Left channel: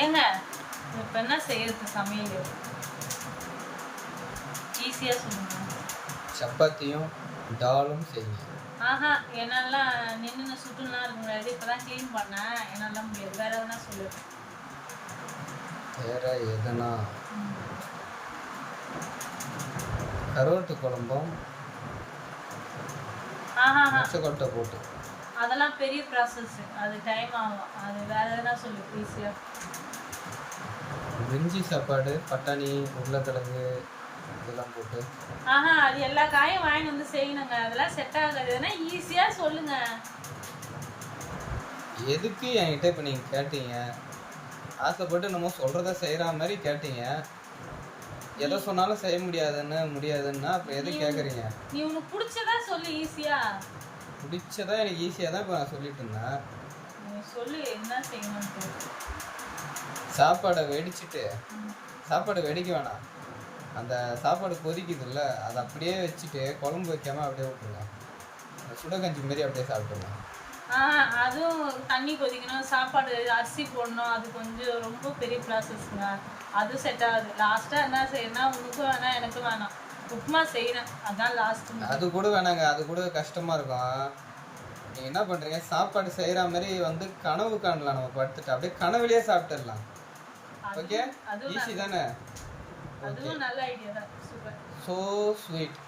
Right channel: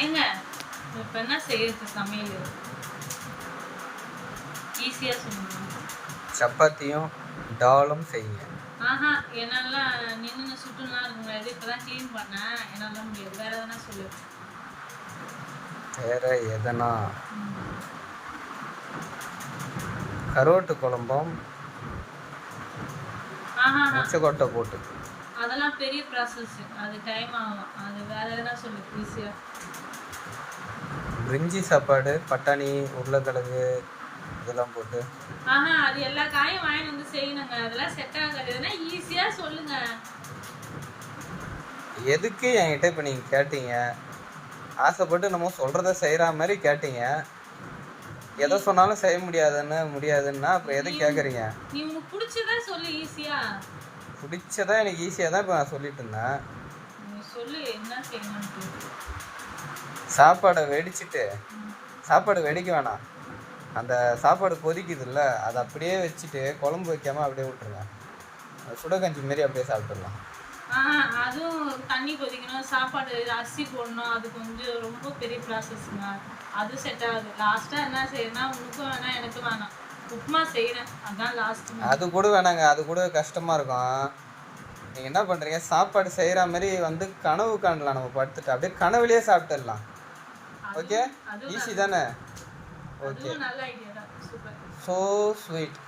ஏங்க இப்போ என்ன செய்யறது சமையல் ஈஸியாக சொல்லுங்க. சப்பாத்தியும் டாலும் செய்யுங்க. ஆஹா என்னாலாம் நின்று சுட்டுலாம் இருக்க முடியாது. இப்போ தான் க்ளீன் பண்ணேன், என்னால் தான் முடியாது. வேறு எதுனா சொல்லு. வேற எதனா கருவாட்டு குழம்பும் முச்சக்கொட்டை போட்டு. அதெல்லாம் பெரிய ப்ராசஸ், அது டைம் ஆகும். அது வேறு எதுனா சொல்லு ஈஸியாக. பிரிஞ்சி சாப்பாடு பட்டாணி உருளைக்கிழங்கு இதெல்லாம் போட்டு. அது எல்லா காயும் வாங்கி வந்து செய்யணுங்க. அதெல்லாம் செட் ஆகாதுன்னா ஈஸியாக சொல்லுங்க. எதுக்கு என்கிட்ட இப்போ நீங்கள் கேட்டீங்க? ஆசைப்பட்டு நம்ம சொல்கிறத செய்கிற மாதிரி கேட்டீங்க. எதை சொன்னாலும் செய்ய முடியாதுன்னா அப்புறம் எது கேட்குறீங்க? நீ உனக்கு பிடிச்சதா சொல்லு ஈஸியா. பிடிச்சதா எனக்கு ஈஸியாக தான் இப்போ நான் சொல்லிட்டு இருந்தேன். சொல்லு என்ன செய்யணும். சாப்பாடை வெடிச்சிட்டு, சாப்பாடு வெடிக்க வேணாம், அந்த சாப்பாடு கொதிக்குதுல்ல அதை அப்படியே வச்சுட்டு குழம்பு வைக்காமல் அப்படியே விட்டுருங்க. சுடகஞ்சி மாரி அப்படியே சாப்பிட்டுடலாம். அதுவும் தண்ணி கொதிக்கணும், சாப்பாடு அரிசி போடணும், அது கொஞ்சம் ரொம்ப பெரிய ப்ராசஸ்ங்க. அது செட் ஆகுது. லாஸ்ட்டாக என்ன செய்யணும்னா உனக்கும் வேணாம் எனக்கும் வேணாம், உப்புமா செய்யணும். அதான் லாஸ்ட். அது கூட வேணாங்க, அது கூட கஷ்டமாக இருக்கும். நீங்கள் என்ன பண்ணுறீங்க, சாப்பாடு செய்கிற மாதிரி வந்து கனவு காணலாம். நம்ம படுத்துட்டு அப்படியே கனவுலேயே சாப்பிட்டுடலாம். ஓகே, ஈஸி தானே? ஓகே, நல்ல ஐடியா தான். Super, so sweet.